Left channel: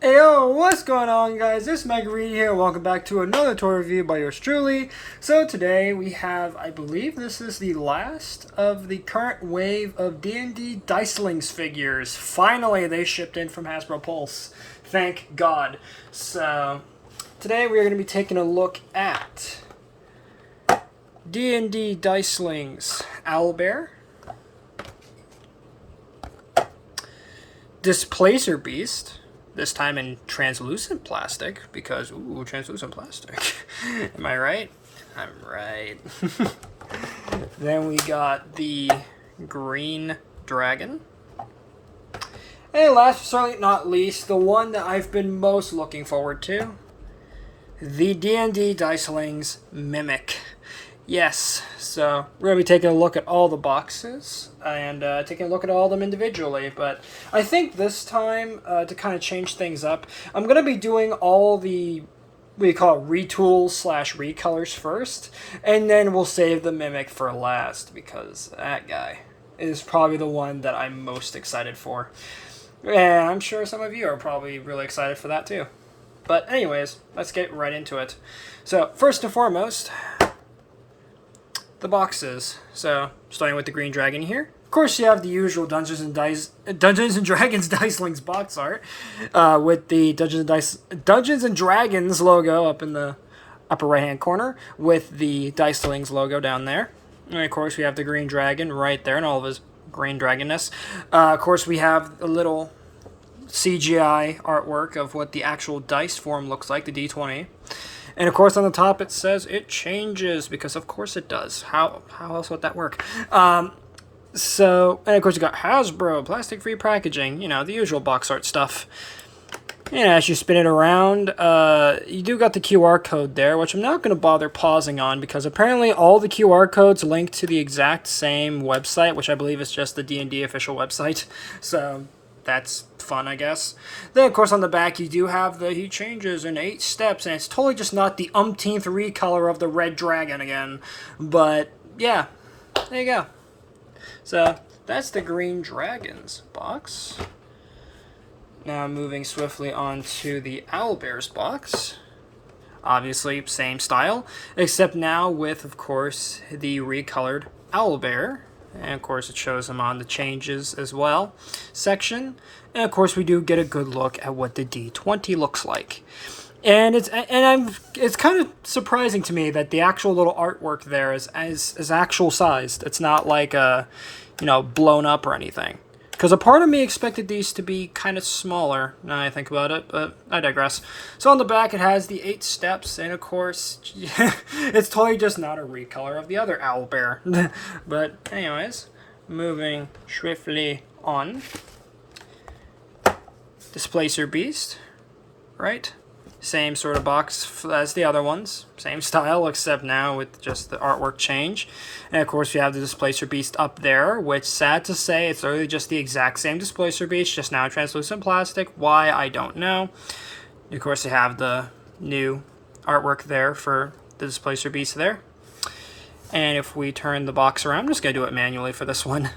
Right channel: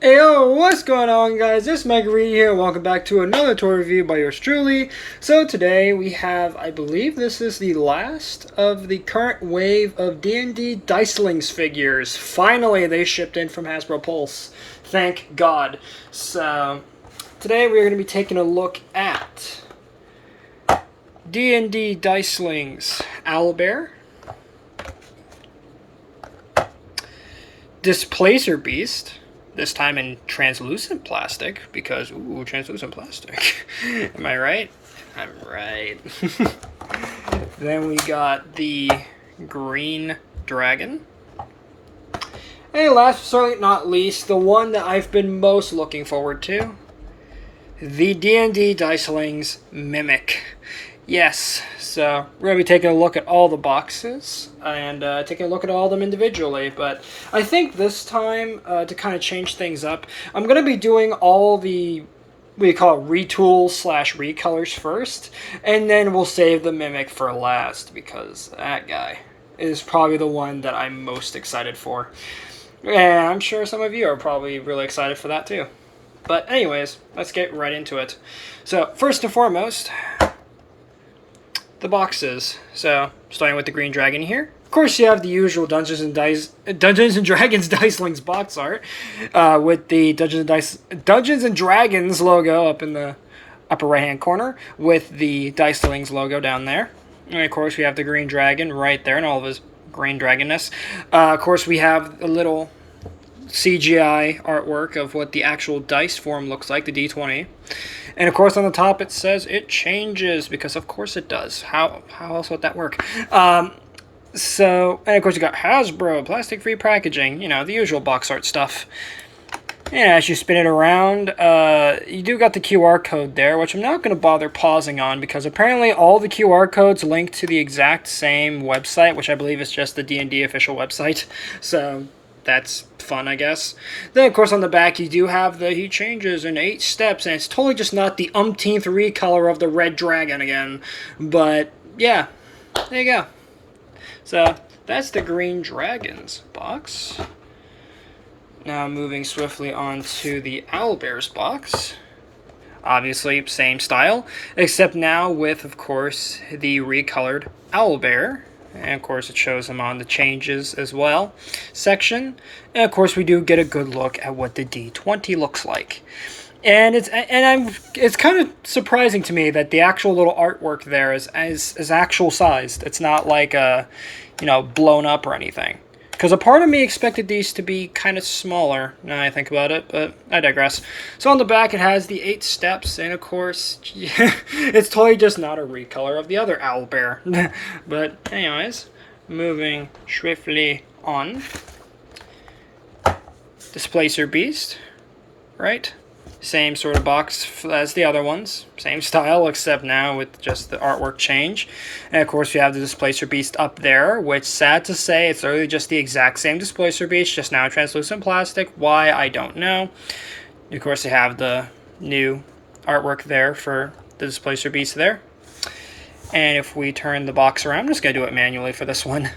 Hey yo, what's going on guys? This is Mike Reed here. Welcome back to another toy review by yours truly. So today we have, I believe this is the last of the current wave of D&D Dicelings figures. Finally, they shipped in from Hasbro Pulse. Thank God. So today we're going to be taking a look at D&D Dicelings Owlbear, Displacer Beast, this time in translucent plastic, because, ooh, translucent plastic. Am I right? I'm right. Then we got the green dragon. And last but certainly not least, the one that I've been most looking forward to, the D&D Dicelings Mimic. Yes, so we're going to be taking a look at all the boxes and taking a look at all of them individually. But I think this time, to kind of change things up, I'm going to be doing all the, what do you call it, retools / recolors first. And then we'll save the Mimic for last, because that guy is probably the one that I'm most excited for. And I'm sure some of you are probably really excited for that too. But anyways, let's get right into it. So first and foremost, the boxes. So starting with the green dragon here. Of course, you have the usual Dungeons and Dragons Dicelings box art with the Dungeons and Dragons logo up in the upper right hand corner with the Dicelings logo down there. And of course, we have the green dragon right there and all of his green dragonness. Of course, we have a little CGI artwork of what the actual dice form looks like, the D20. And of course on the top it says it changes, because of course it does. How else would that work? And of course you got Hasbro, plastic-free packaging, you know, the usual box art stuff. And as you spin it around, you do got the QR code there, which I'm not going to bother pausing on, because apparently all the QR codes link to the exact same website, which I believe is just the D&D official website. So that's fun, I guess. Then, of course, on the back, you do have the he changes in 8 steps, and it's totally just not the umpteenth recolor of the red dragon again. But, yeah, there you go. So, that's the green dragon's box. Now, moving swiftly on to the Owlbear's box. Obviously, same style, except now with, of course, the recolored Owlbear. And of course it shows them on the changes as well section. And of course we do get a good look at what the D20 looks like. And it's kind of surprising to me that the actual little artwork there is actual sized. It's not like blown up or anything. Because a part of me expected these to be kind of smaller, now that I think about it, but I digress. So on the back it has the 8 steps, and of course, it's totally just not a recolor of the other Owlbear. But anyways, moving swiftly on. Displacer Beast, right? Same sort of box as the other ones. Same style, except now with just the artwork change. And of course, you have the Displacer Beast up there, which, sad to say, it's literally just the exact same Displacer Beast, just now translucent plastic. Why, I don't know. Of course, you have the new artwork there for the Displacer Beast there. And if we turn the box around, I'm just going to do it manually for this one.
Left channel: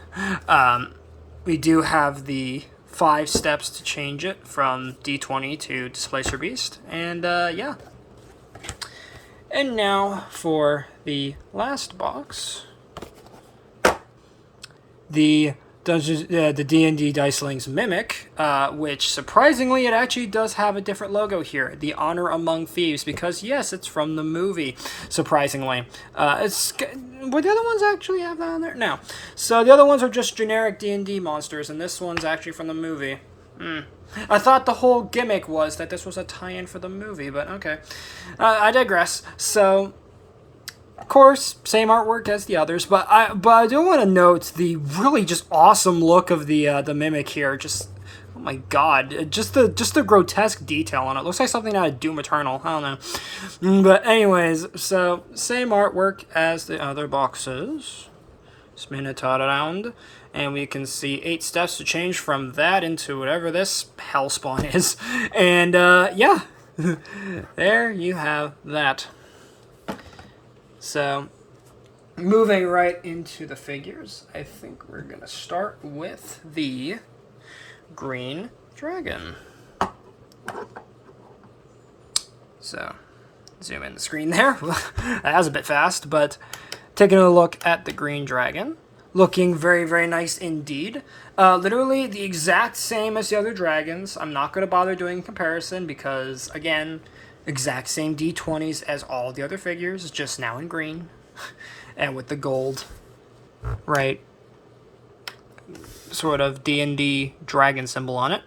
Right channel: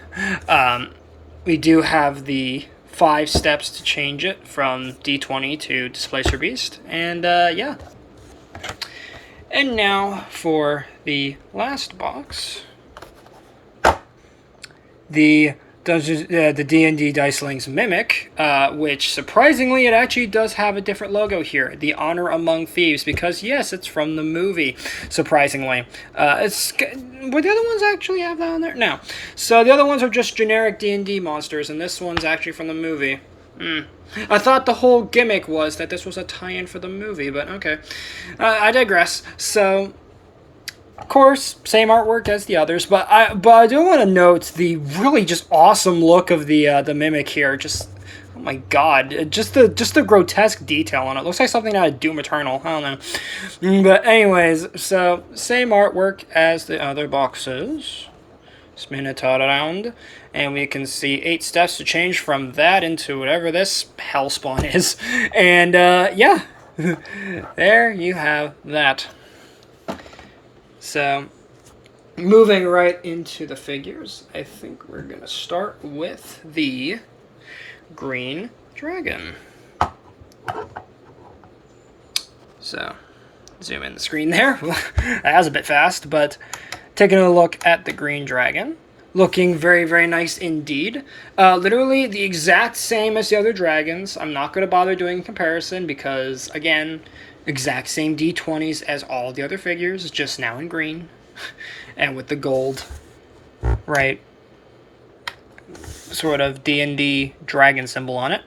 We do have the 5 steps to change it from D20 to Displacer Beast. And yeah. And now for the last box. The D&D Dicelings Mimic, which surprisingly it actually does have a different logo here, the Honor Among Thieves, because yes, it's from the movie, surprisingly. Would the other ones actually have that on there? No. So the other ones are just generic D&D monsters, and this one's actually from the movie. I thought the whole gimmick was that this was a tie-in for the movie, but okay. I digress. So, of course, same artwork as the others, but I do want to note the really just awesome look of the Mimic here. Just, oh my god, just the grotesque detail on it. Looks like something out of Doom Eternal. I don't know. But anyways, so same artwork as the other boxes. Spin it around, and we can see 8 steps to change from that into whatever this hellspawn is. And yeah, there you have that. So, moving right into the figures, I think we're going to start with the green dragon. So, zoom in the screen there. That was a bit fast, but taking a look at the green dragon. Looking very, very nice indeed. Literally the exact same as the other dragons. I'm not going to bother doing a comparison because, again, exact same D20s as all the other figures, just now in green. And with the gold, right, sort of D&D dragon symbol on it.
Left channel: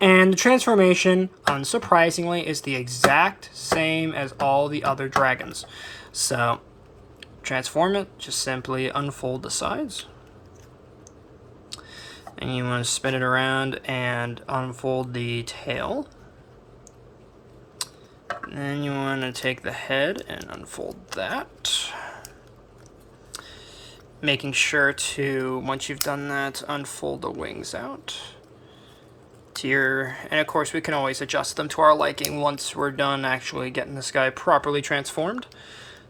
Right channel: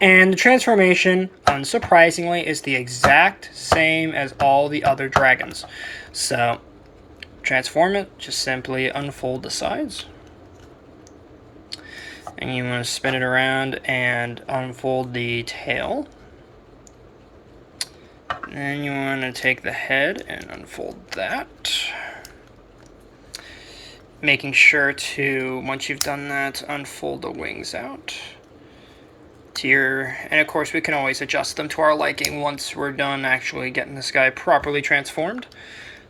And the transformation, unsurprisingly, is the exact same as all the other dragons. So, transform it, just simply unfold the sides. And you want to spin it around and unfold the tail. And then you want to take the head and unfold that. Making sure to, once you've done that, unfold the wings out. And of course we can always adjust them to our liking once we're done actually getting this guy properly transformed.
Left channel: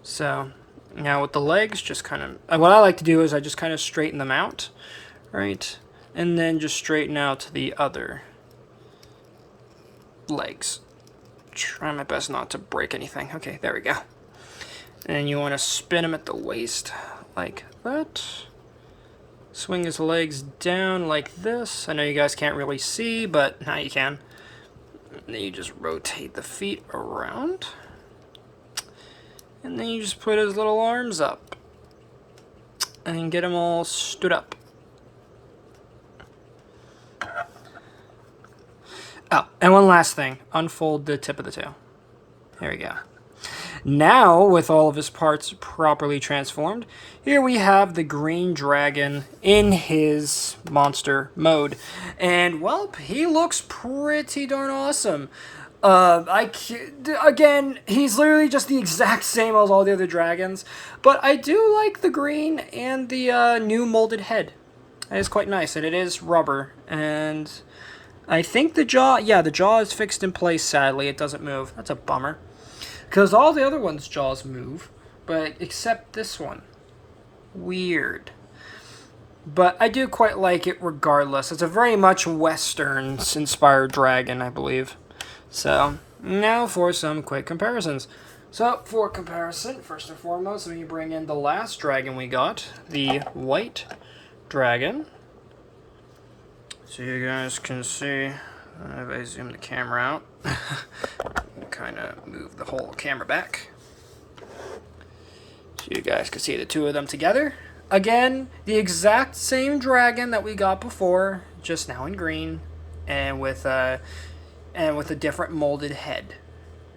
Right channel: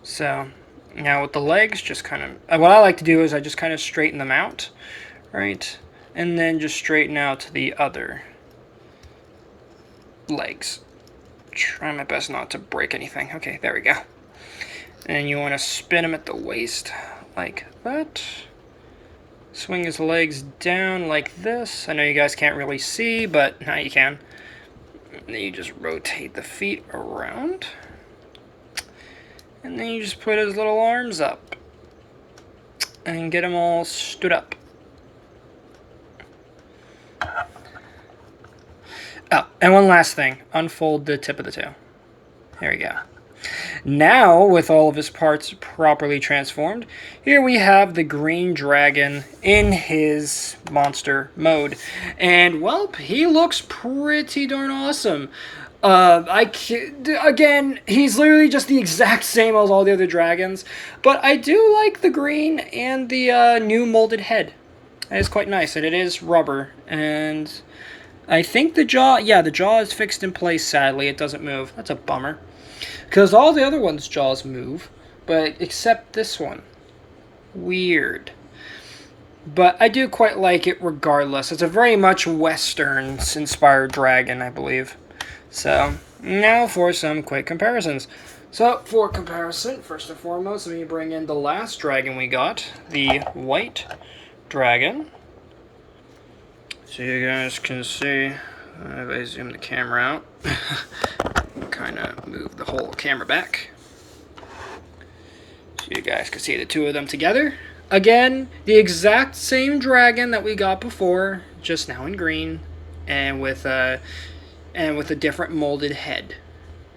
So now with the legs, just kind of, what I like to do is I just kind of straighten them out, right? And then just straighten out the other legs. Try my best not to break anything. Okay, there we go. And you want to spin them at the waist like that. Swing his legs down like this. I know you guys can't really see, but now you can. And then you just rotate the feet around. And then you just put his little arms up. And get him all stood up. Oh, and one last thing. Unfold the tip of the tail. There we go. Now, with all of his parts properly transformed, here we have the green dragon in his monster mode. And, well, he looks pretty darn awesome. Again, he's literally just the exact same as all the other dragons. But I do like the green and the new molded head. It is quite nice, and it is rubber. And I think the jaw, yeah, the jaw is fixed in place, sadly. It doesn't move. That's a bummer. Because all the other ones' jaws move, but except this one. Weird. But I do quite like it regardless. It's a very much Westerns-inspired dragon, I believe. So, now for some quick comparisons. So, for comparison, first and foremost, let me bring in the last dragon we got. The white dragon. So you guys can see, if I zoom the camera out, kind of move the whole camera back so you guys can see the two of them together. Again, the exact same dragon that we got before, just now in green, and with a different molded head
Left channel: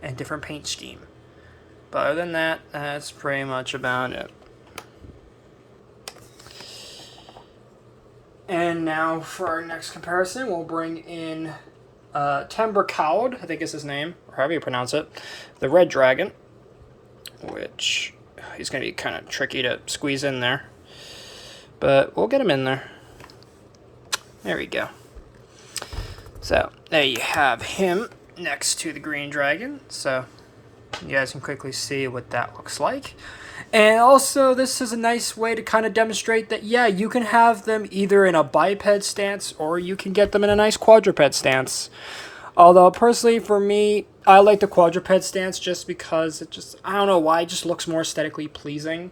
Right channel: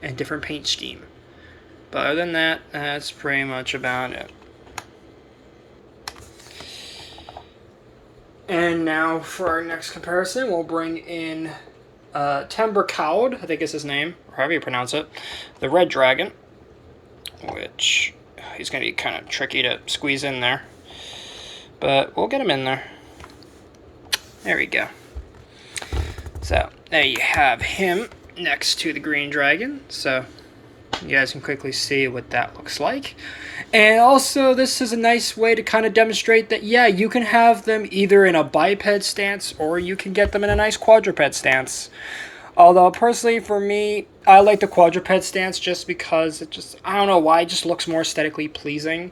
and different paint scheme. But other than that, that's pretty much about it. And now for our next comparison, we'll bring in Timbercloud, I think is his name, or however you pronounce it, the red dragon, which he's going to be kind of tricky to squeeze in there, but we'll get him in there. There we go. So there you have him next to the green dragon, so you guys can quickly see what that looks like. And also, this is a nice way to kind of demonstrate that, yeah, you can have them either in a biped stance or you can get them in a nice quadruped stance. Although, personally, for me, I like the quadruped stance just because it just, I don't know why, it just looks more aesthetically pleasing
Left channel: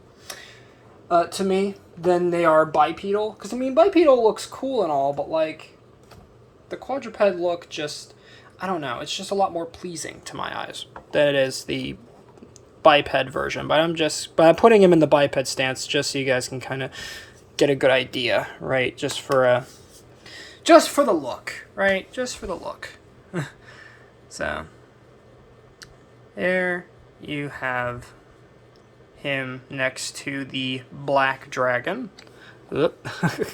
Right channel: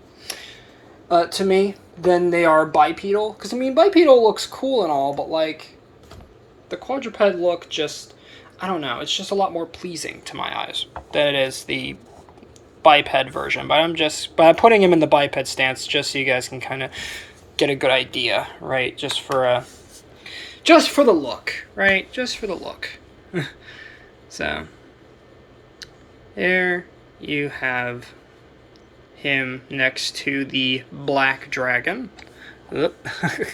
to me than they are bipedal. Because, I mean, bipedal looks cool and all, but, like, the quadruped look just, I don't know, it's just a lot more pleasing to my eyes than it is the biped version. But I'm putting him in the biped stance just so you guys can kind of get a good idea, right? Just for the look, right? Just for the look. So there you have him next to the black dragon. Oop.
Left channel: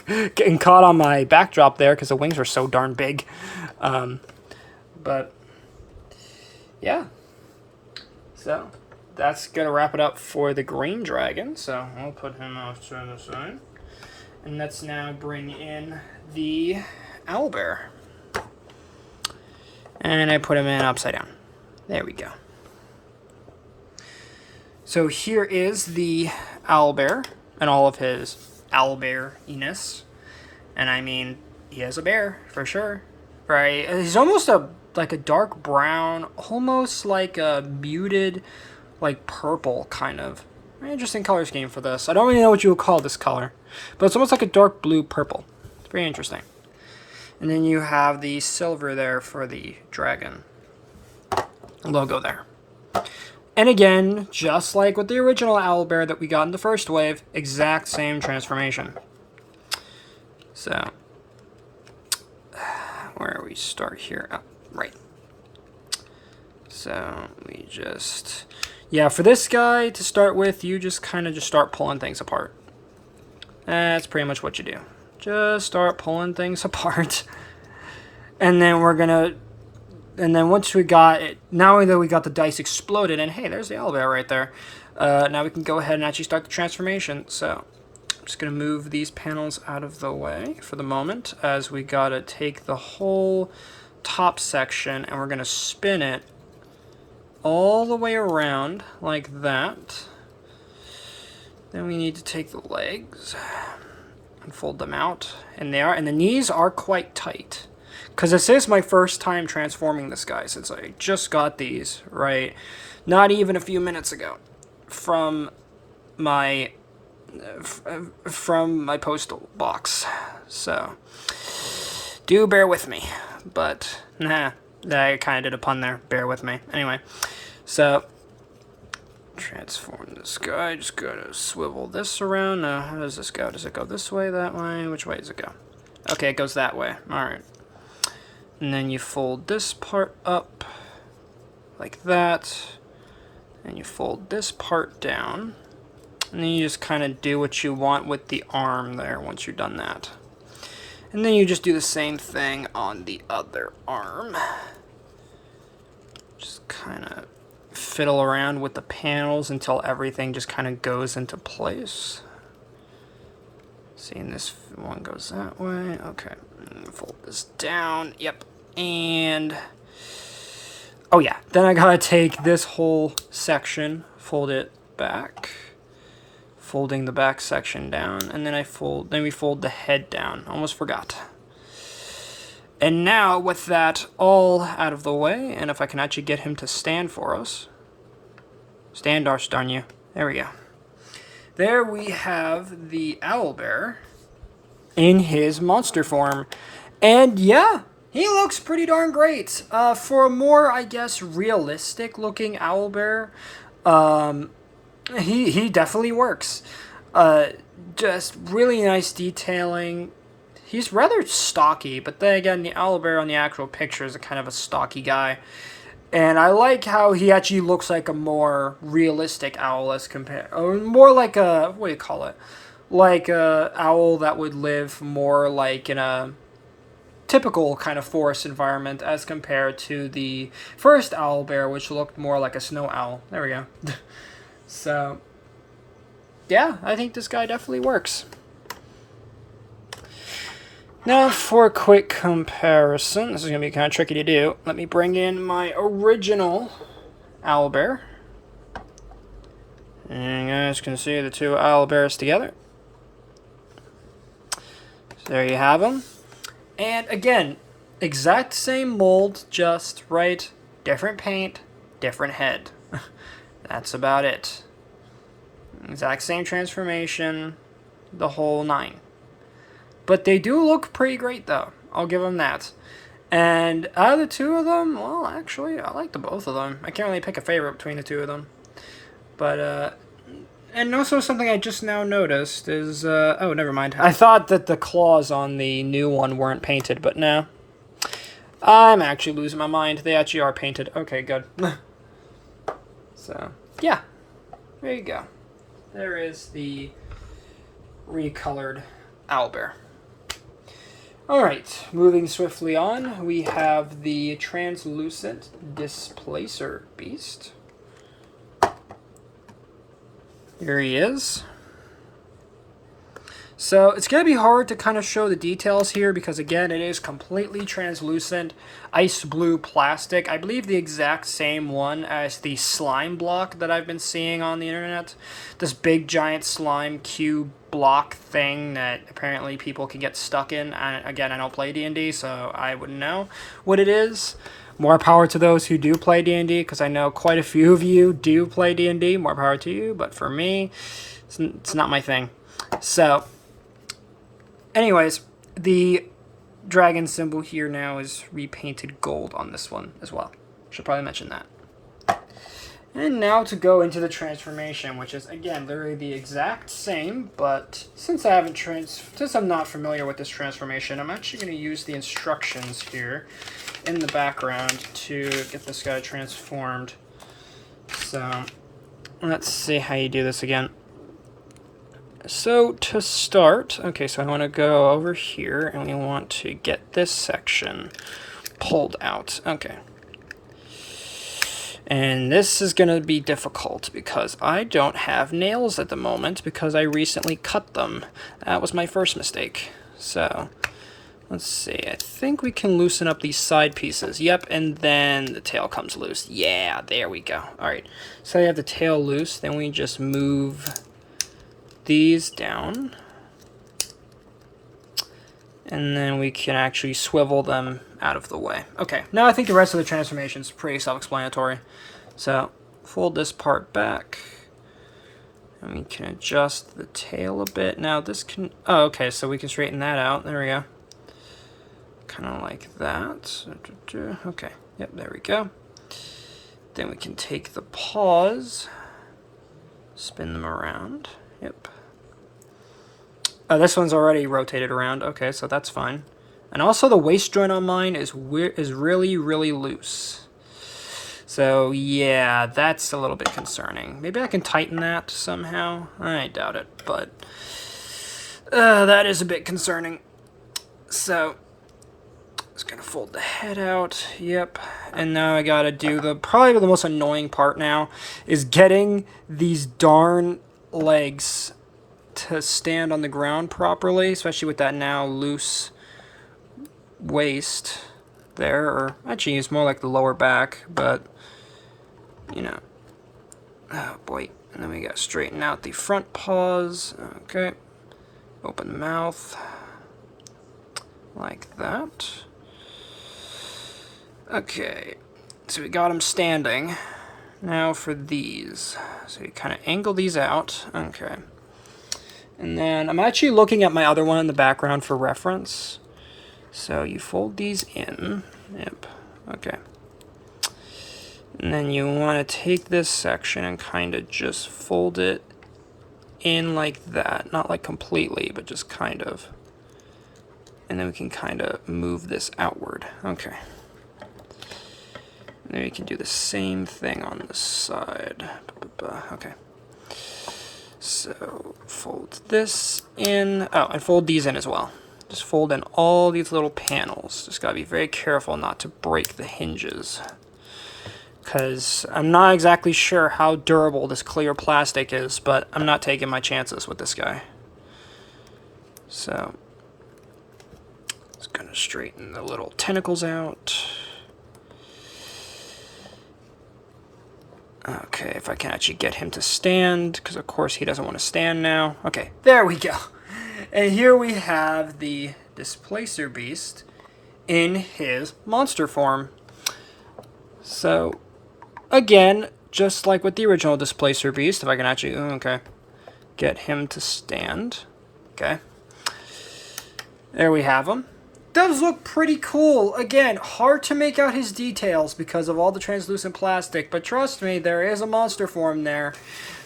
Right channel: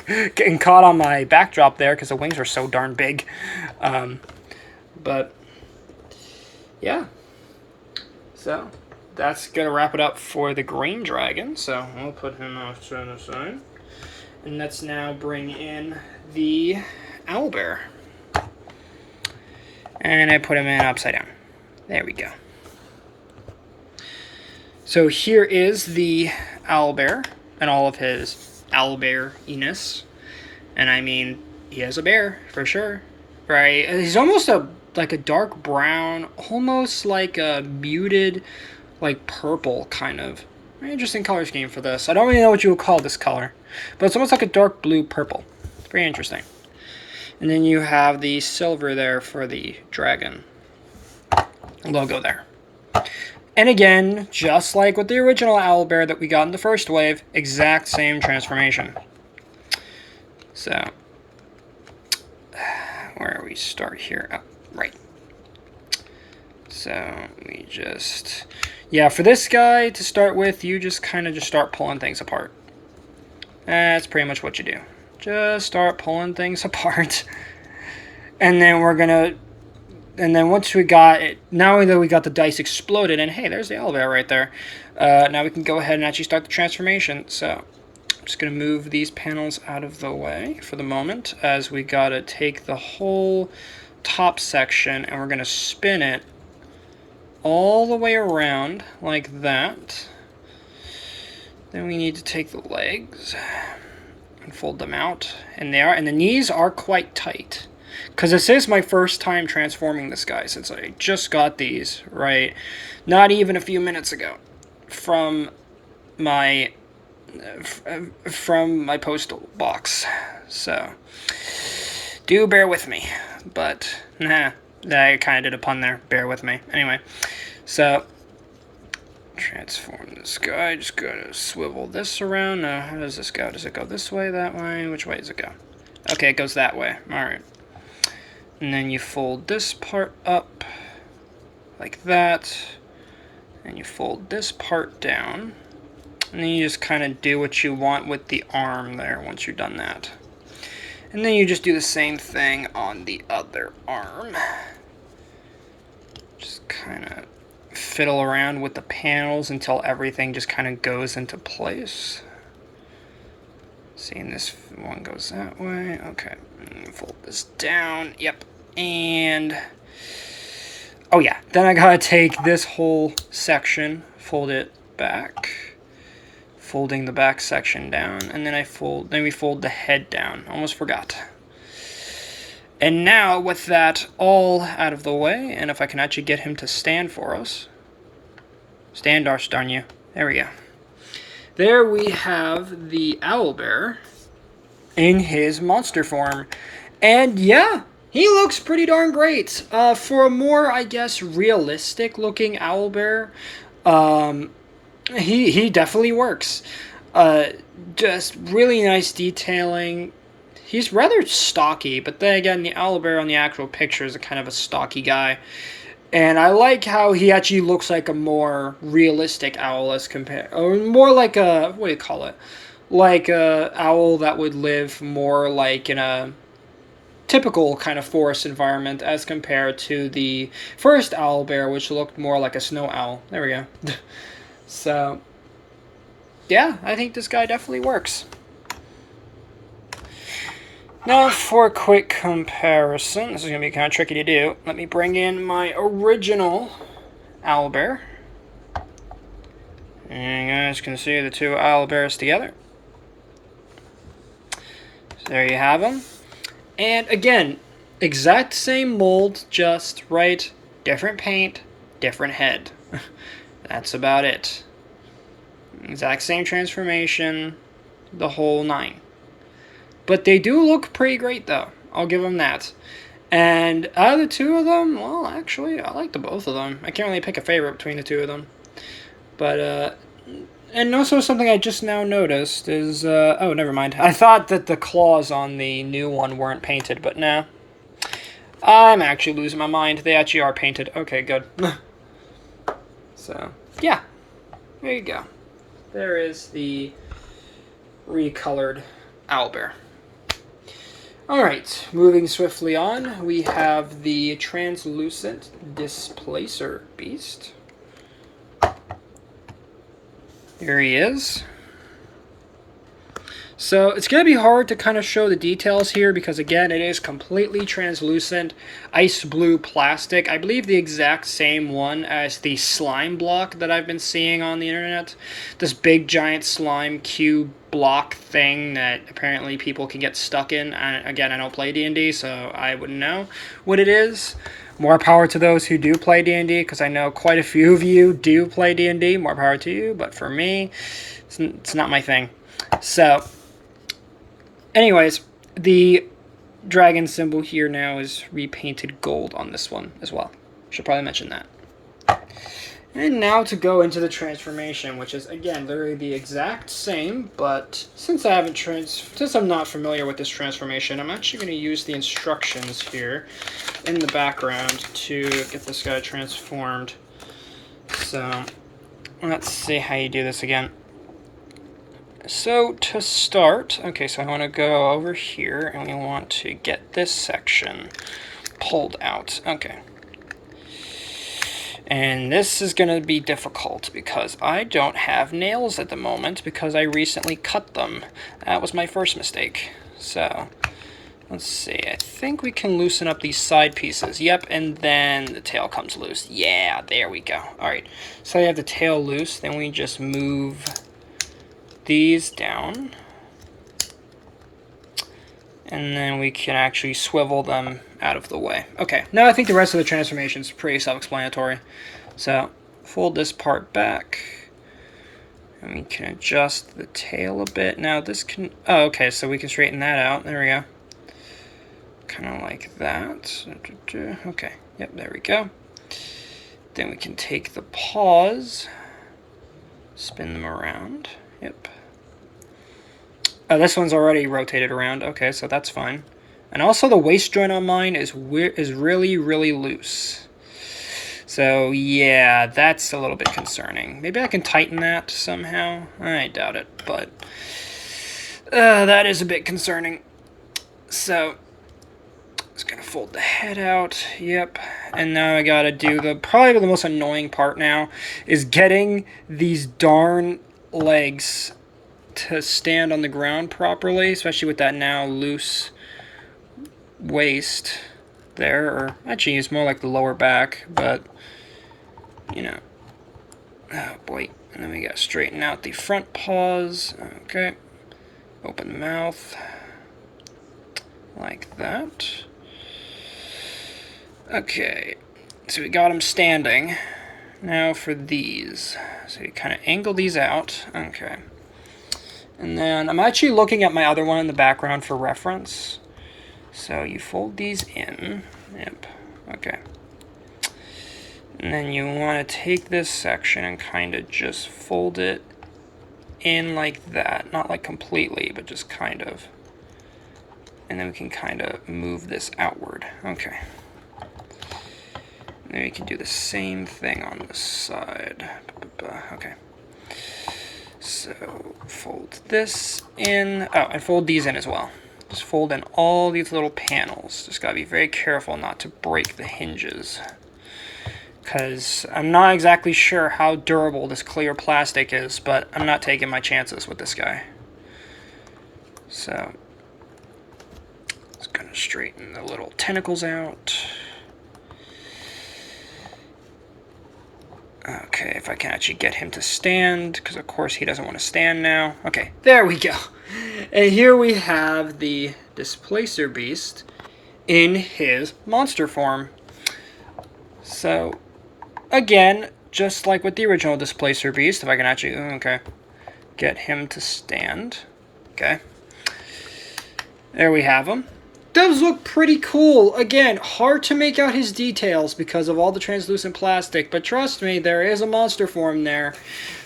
Getting caught on my backdrop there because the wings were so darn big. But yeah, so that's gonna wrap it up for the green dragon. So I'll put him off to the side, and let's now bring in the owlbear. And I put him in upside down. There we go. So here is the owlbear and all of his owlbear-iness. And I mean, he has a bear, for sure. right? He's almost like a dark brown, almost like a muted, like purple kind of. Very interesting color scheme for this. I don't really know what you would call this color, but it's almost like a dark blue purple. It's very interesting. And then you have the silver there for the dragon logo there. And again, just like with the original Owlbear that we got in the first wave, exact same transformation. So, where do we start here? Oh, right. So, we just... Yeah, for this guy, to start with, you just kind of just start pulling things apart. That's pretty much what you do. Just start pulling things apart. And then we're gonna... And then once we got it... Now that we got the dice exploded, and hey, there's the Owlbear right there. Now we can go ahead and actually start the transformation. So, I'm just gonna move these panels out of the way for the moment, as we gotta take the whole top section, and we're gonna spin it all the way around like that. Then we need to take the legs and fold them out, and the knees are quite tight, because this is my first time transforming this guy since I just got these, right? Not even a few minutes ago from my postal box. So do bear with me, but nah, I kind of did a pun there. Bear with me. Anyway, so transform this guy. Just gotta swivel this around. How does this go? Does it go this way, that way? Which way does it go? Okay, it goes that way. All right. And then you fold this part up like that. And you fold this part down. And then you just kind of do what you want with the arm there once you've done that. And then you just do the same thing on the other arm. Just kind of fiddle around with the panels until everything just kind of goes into place. Seeing this one goes that way. Okay. Fold this down. Yep. And... oh yeah. Then I gotta take this whole section, fold it back. Folding the back section down, and then we fold the head down. Almost forgot. And now with that all out of the way, and if I can actually get him to stand for us. Stand, darn you. There we go. There we have the Owlbear in his monster form. And yeah, he looks pretty darn great. For a more, I guess, realistic looking Owlbear, he definitely works. Just really nice detailing. He's rather stocky, but then again, the Owlbear on the actual picture is a kind of a stocky guy. And I like how he actually looks like a more realistic owl as compared, or more like a, what do you call it? Like a owl that would live more like in a typical kind of forest environment as compared to the first Owlbear, which looked more like a snow owl. There we go. So, yeah, I think this guy definitely works. Now, for a quick comparison, this is going to be kind of tricky to do. Let me bring in my original Owlbear. And you guys can see the two Owlbears together. So there you have them. And again, exact same mold, just right, different paint, different head. That's about it. Exact same transformation, the whole nine. But they do look pretty great, though. I'll give them that. And out of the two of them, well, actually, I like the both of them. I can't really pick a favorite between the two of them. But, and also something I just now noticed is, oh, never mind. I thought that the claws on the new one weren't painted, but no. I'm actually losing my mind. They actually are painted. Okay, good. So, yeah. There you go. There is the Recolored Owl Bear. Alright, moving swiftly on, we have the translucent Displacer beast. Here he is. So it's going to be hard to kind of show the details here because, again, it is completely translucent ice blue plastic. I believe the exact same one as the slime block that I've been seeing on the internet. This big giant slime cube block thing that apparently people can get stuck in. And again, I don't play D&D, so I wouldn't know what it is. More power to those who do play D&D, because I know quite a few of you do play D&D. More power to you, but for me, it's not my thing. So anyways, the dragon symbol here now is repainted gold on this one as well. Should probably mention that. And now to go into the transformation, which is, again, literally the exact same, but since I'm not familiar with this transformation, I'm actually going to use the instructions here in the background to get this guy transformed. So, let's see how you do this again. So to start, okay, so I want to go over here and we want to get this section pulled out. Okay. And this is going to be difficult because I don't have nails at the moment because I recently cut them. That was my first mistake. So let's see, I think we can loosen up these side pieces. Yep, and then the tail comes loose. Yeah, there we go. All right, so I have the tail loose, then we just move these down, and then we can actually swivel them out of the way. Okay, now I think the rest of the transformation is pretty self-explanatory. So fold this part back, and we can adjust the tail a bit. Now this can, oh, okay, so we can straighten that out. There we go. Kind of like that. Okay, yep, there we go. Then we can take the paws, spin them around. Yep. Oh, this one's already rotated around. Okay, so that's fine. And also the waist joint on mine is really, really loose. So yeah, that's a little bit concerning. Maybe I can tighten that somehow. I doubt it, but that is a bit concerning. So just gonna fold the head out. Yep. And now I gotta do probably the most annoying part now is getting these darn legs to stand on the ground properly, especially with that now loose waist there, or actually it's more like the lower back, but you know, oh boy. And then we gotta straighten out the front paws. Okay, open the mouth like that. Okay, so we got them standing. Now for these, so you kind of angle these out. Okay. And then I'm actually looking at my other one in the background for reference. So you fold these in. Yep. Okay. And then you want to take this section and kind of just fold it in like that. Not like completely, but just kind of. And then we can kind of move this outward. Okay. And then we can do the same thing on this side. Okay. So fold this in. Oh, and fold these in as well. Just fold in all these little panels. Just gotta be very careful not to break the hinges, because I'm not exactly sure how durable this clear plastic is, but I'm not taking my chances with this guy. So just gonna straighten the little tentacles out. Okay, if I can actually get him to stand, because of course he doesn't want to stand now. Okay, there we go. And here we have the Displacer Beast in his monster form. So, again, just like with the original Displacer Beast, if I can actually, okay, get him to stand. Okay. There we have him. Does look pretty cool. Again, hard to make out his details because of all the translucent plastic, but trust me, there is a monster form there.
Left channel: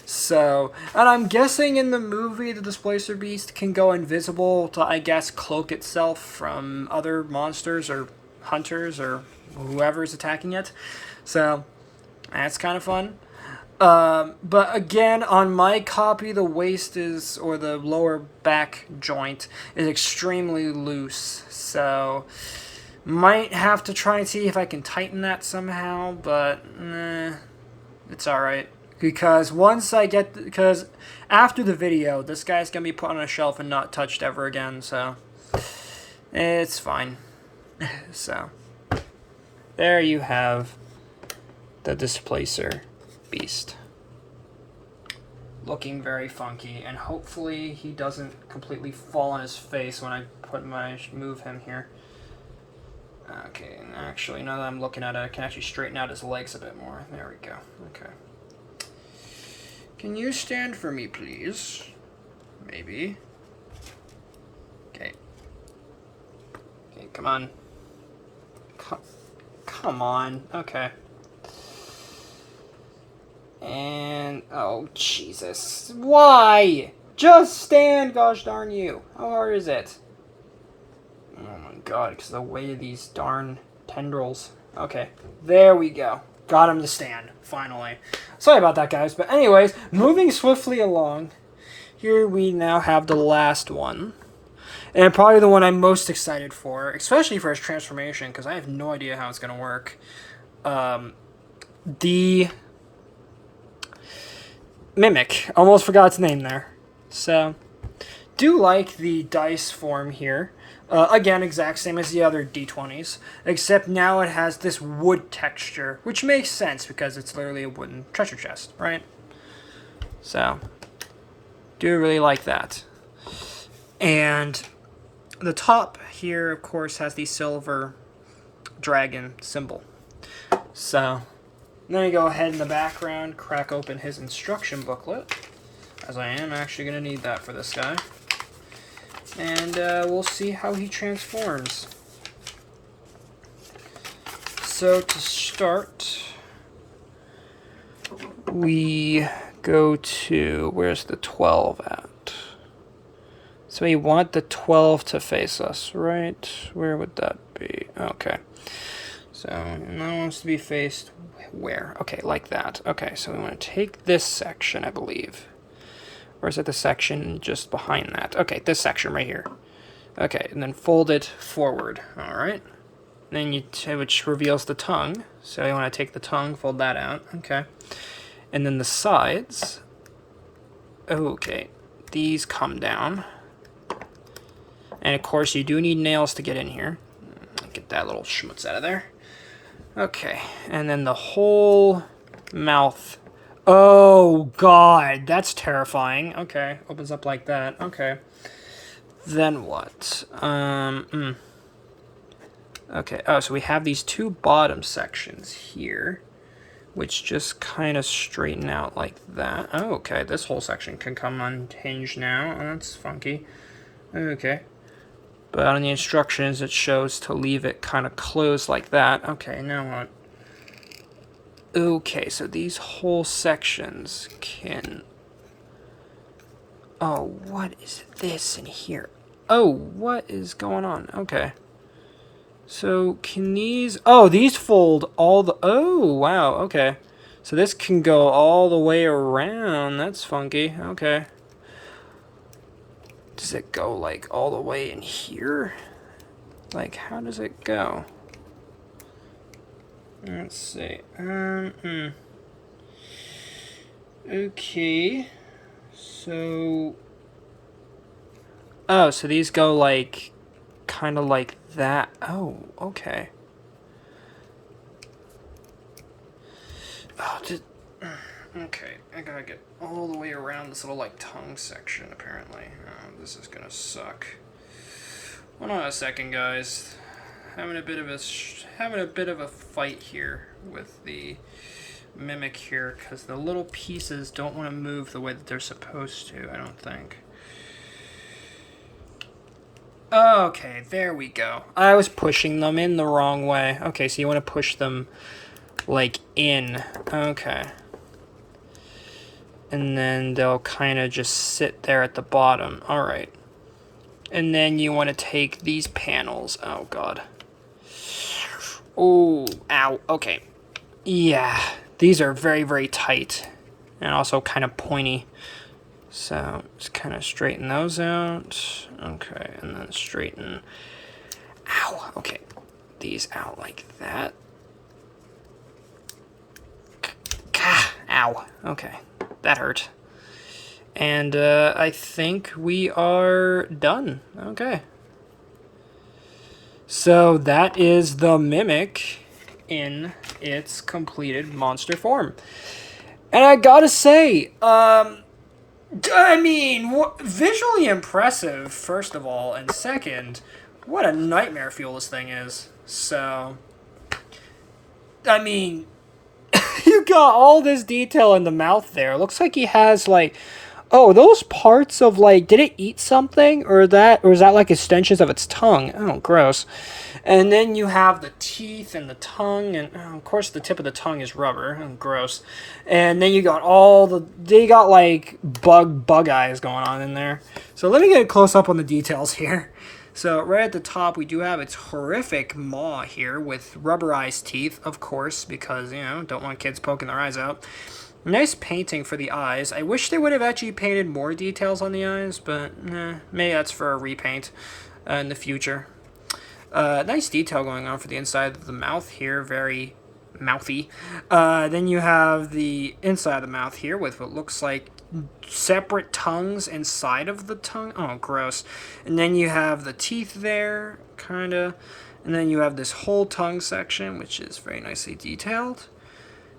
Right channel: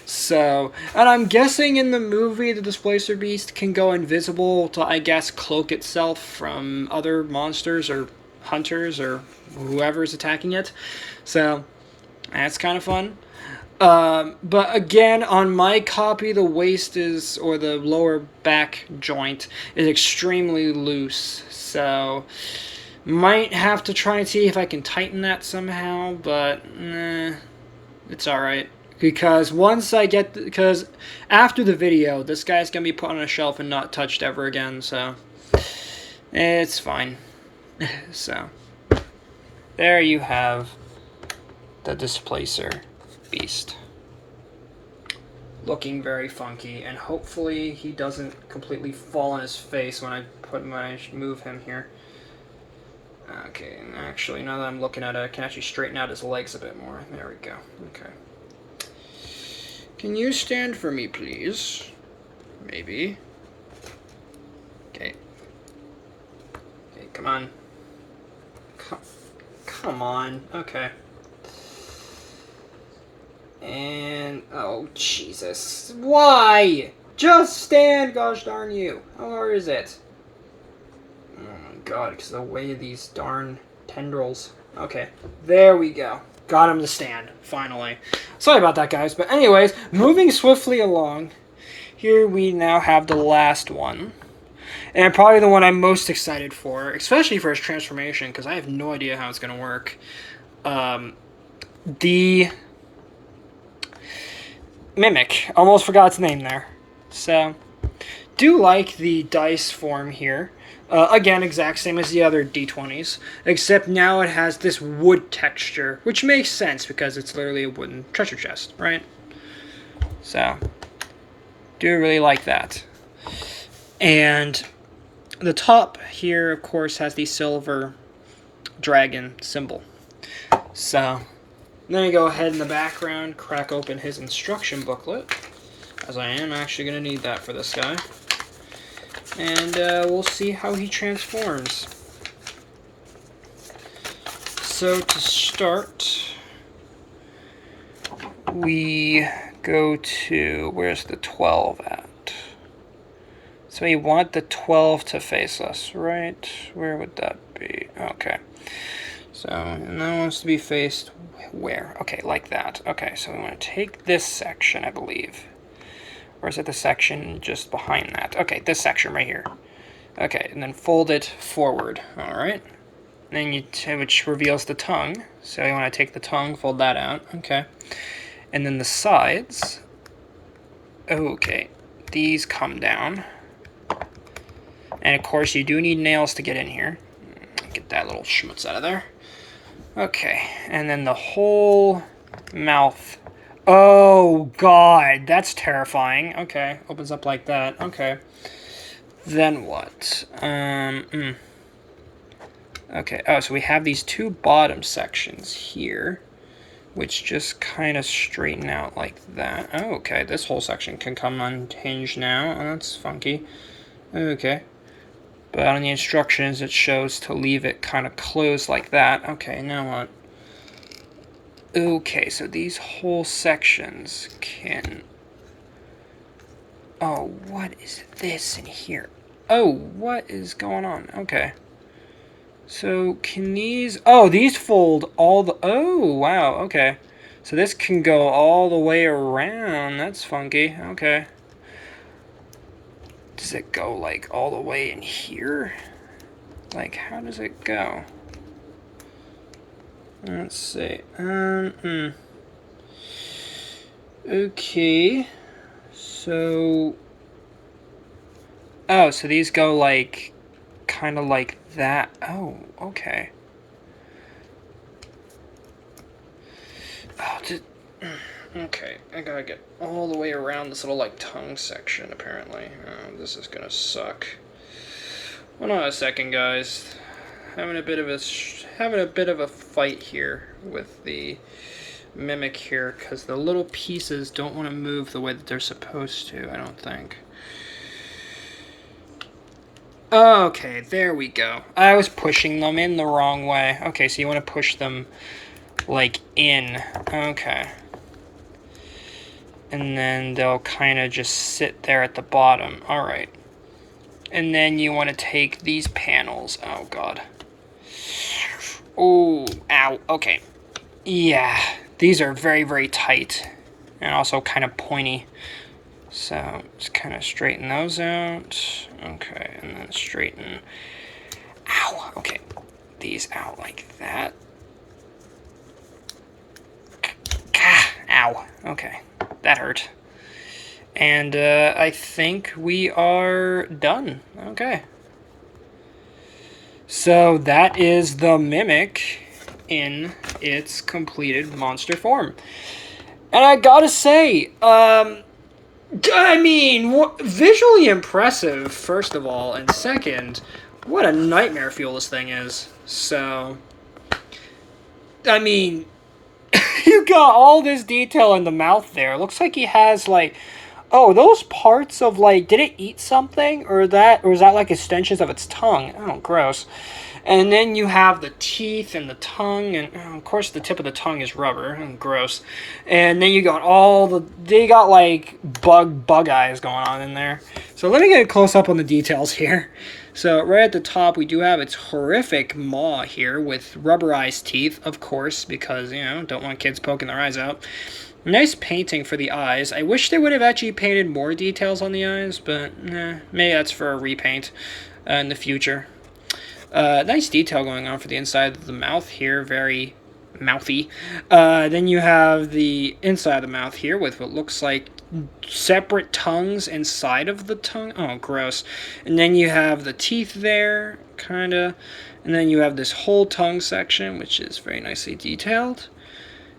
So, and I'm guessing in the movie the Displacer Beast can go invisible to, I guess, cloak itself from other monsters or hunters or whoever's attacking it. So, that's kind of fun. But again, on my copy, the waist is, or the lower back joint is extremely loose. So, might have to try and see if I can tighten that somehow, but it's alright. Because once I get... Because after the video, this guy's going to be put on a shelf and not touched ever again, so... It's fine. So... There you have the Displacer beast. Looking very funky, and hopefully he doesn't completely fall on his face when I move him here. Okay, and actually, now that I'm looking at it, I can actually straighten out his legs a bit more. There we go. Okay. Can you stand for me, please? Maybe. Okay. Okay, come on. Come on. Okay. And... Oh, Jesus. Why? Just stand, gosh darn you. How hard is it? Oh my god, because of the way of these darn tendrils. Okay, there we go. Got him to stand, finally. Sorry about that, guys. But anyways, moving swiftly along, here we now have the last one. And probably the one I'm most excited for, especially for his transformation, because I have no idea how it's going to work. The Mimic. Almost forgot its name there. So, do like the dice form here. Again, exact same as the other D20s, except now it has this wood texture, which makes sense because it's literally a wooden treasure chest, right? So, do really like that. And the top here, of course, has the silver dragon symbol. So, then you go ahead in the background, crack open his instruction booklet, as I am actually going to need that for this guy. And we'll see how he transforms. So to start, we go to, where's the 12 at? So we want the 12 to face us, right? Where would that be? Okay. So, and that wants to be faced where? Okay, like that. Okay, so we want to take this section, I believe. Or is it the section just behind that? Okay, this section right here. Okay, and then fold it forward. Alright. Then which reveals the tongue. So you want to take the tongue, fold that out. Okay. And then the sides. Okay. These come down. And of course you do need nails to get in here. Get that little schmutz out of there. Okay. And then the whole mouth. Oh, God, that's terrifying. Okay, opens up like that. Okay. Then what? Okay, oh, so we have these two bottom sections here, which just kind of straighten out like that. Oh, okay, this whole section can come unhinged now. Oh, that's funky. Okay. But on the instructions, it shows to leave it kind of closed like that. Okay, now what? Okay, so these whole sections can... Oh, what is this in here? Oh, what is going on? Okay. So, can these... Oh, these fold all the... Oh, wow, okay. So this can go all the way around. That's funky. Okay. Does it go, like, all the way in here? Like, how does it go? Let's see. Okay. So. Oh, so these go like, kind of like that. Oh, okay. Oh, okay. I gotta get all the way around this little like tongue section. Apparently, this is gonna suck. Hold on a second, guys. Having a bit of a fight here with the Mimic here, because the little pieces don't want to move the way that they're supposed to, I don't think. Okay, there we go. I was pushing them in the wrong way. Okay, so you want to push them, like, in. Okay. And then they'll kind of just sit there at the bottom. Alright. And then you want to take these panels. Oh, God. Oh, ow, okay. Yeah, these are very, very tight. And also kind of pointy. So, just kind of straighten those out. Okay, and then straighten... Ow, okay. These out like that. Ow. Ow. Okay. That hurt. And I think we are done. Okay. So that is the Mimic in its completed monster form. And I gotta say, I mean, visually impressive, first of all, and second, what a nightmare fuel this thing is. So, I mean, you got all this detail in the mouth there. It looks like he has, like, oh, those parts of, like, did it eat something? Or is that like extensions of its tongue? Oh, gross. And then you have the teeth and the tongue, and of course the tip of the tongue is rubber. Oh, gross. And then you got they got like bug eyes going on in there. So let me get a close up on the details here. So right at the top we do have its horrific maw here with rubberized teeth, of course, because, you know, don't want kids poking their eyes out. Nice painting for the eyes. I wish they would have actually painted more details on the eyes, but maybe that's for a repaint in the future. Nice detail going on for the inside of the mouth here, very mouthy. Then you have the inside of the mouth here with what looks like separate tongues inside of the tongue. Oh, gross. And then you have the teeth there, kind of. And then you have this whole tongue section, which is very nicely detailed.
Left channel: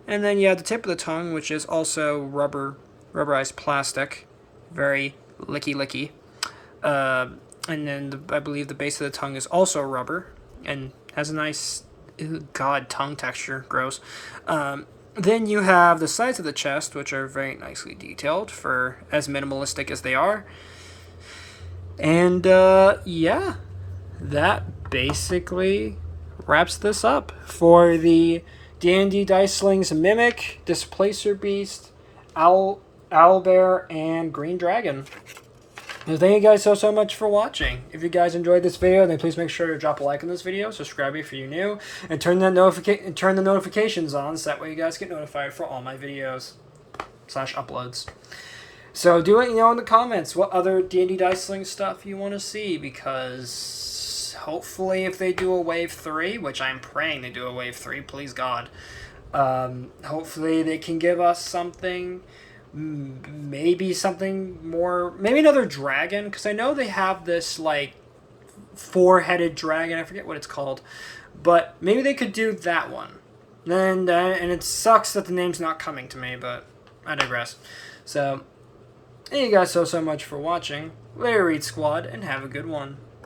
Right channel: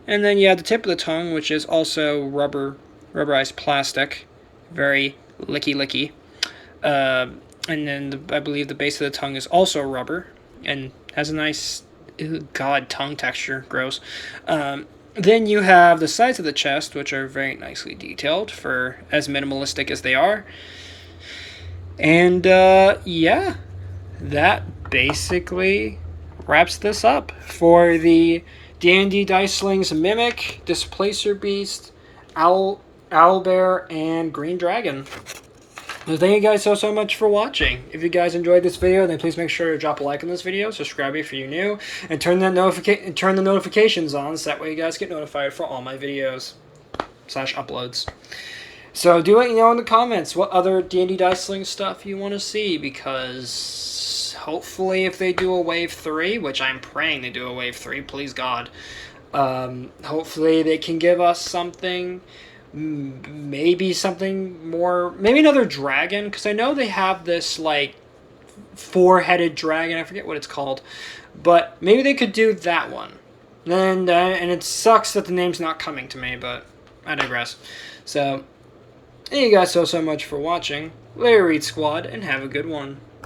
And then you have the tip of the tongue, which is also rubberized plastic. Very licky. And then I believe the base of the tongue is also rubber and has a nice, tongue texture. Gross. Then you have the sides of the chest, which are very nicely detailed for as minimalistic as they are. And, yeah, that basically wraps this up for the D&D Dicelings Mimic, Displacer Beast, Owlbear, and Green Dragon. So thank you guys so much for watching. If you guys enjoyed this video, then please make sure to drop a like on this video, subscribe if you're new, and turn the notifications on so that way you guys get notified for all my videos / uploads. So do let me know in the comments what other D&D Diceling stuff you want to see, because hopefully if they do a Wave 3, which I'm praying they do a Wave 3, please God, hopefully they can give us something. Maybe something more, maybe another dragon, because I know they have this like 4-headed dragon, I forget what it's called, but maybe they could do that one. And it sucks that the name's not coming to me, but I digress. So thank you guys so much for watching. Later, Read Squad, and have a good one.